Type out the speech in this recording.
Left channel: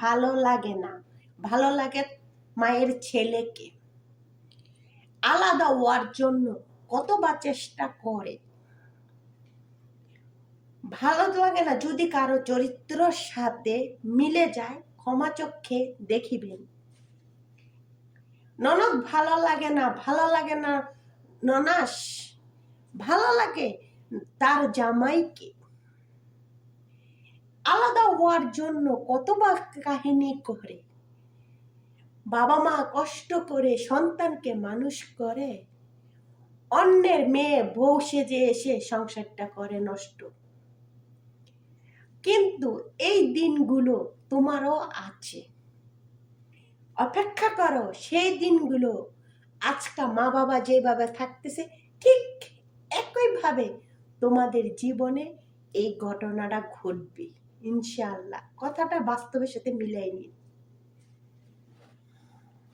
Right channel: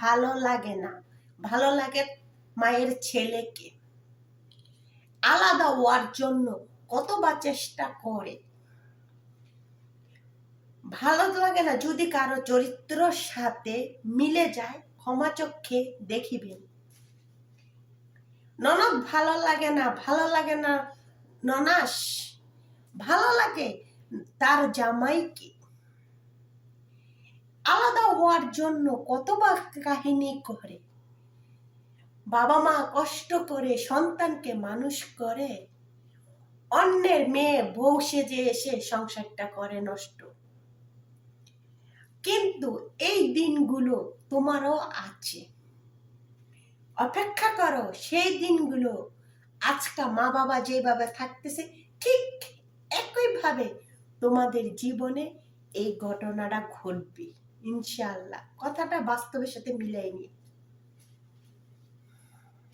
ভালো লাগে না, ভালো লাগে মায়ের ছেলেকে। আলাদা হওয়ার জন্য কতবার চেষ্টা করে, ভালো লাগে না। যদি কারো চরিত্রের সাথে মিলে যায় ক্ষমা চক্ষে দেখিবেন। ননদ ভালো লাগে না, ভালো লাগে না ননাস, ভালো লাগে তার জামাইকে। আলাদা হওয়ার জন্য কতবার কাহিনী করে, বাবা মা কষ্ট করে সন্তানকে মানুষ করে, অন্যের মেয়ে বউ সেজে এসে সংসারটা করে নষ্ট। কিন্তু এই দিনগুলো তোমারও আছে, অপেক্ষা করো সেই দিনগুলো। আজকে মা বাবা যেভাবে থাকতেছে ঠিক একইভাবে তোমাদের জীবনে এই ঘটনাটা ঘটবে ইনশাআল্লাহ। কথাটা বাস্তবের সাথে মিলাই নি।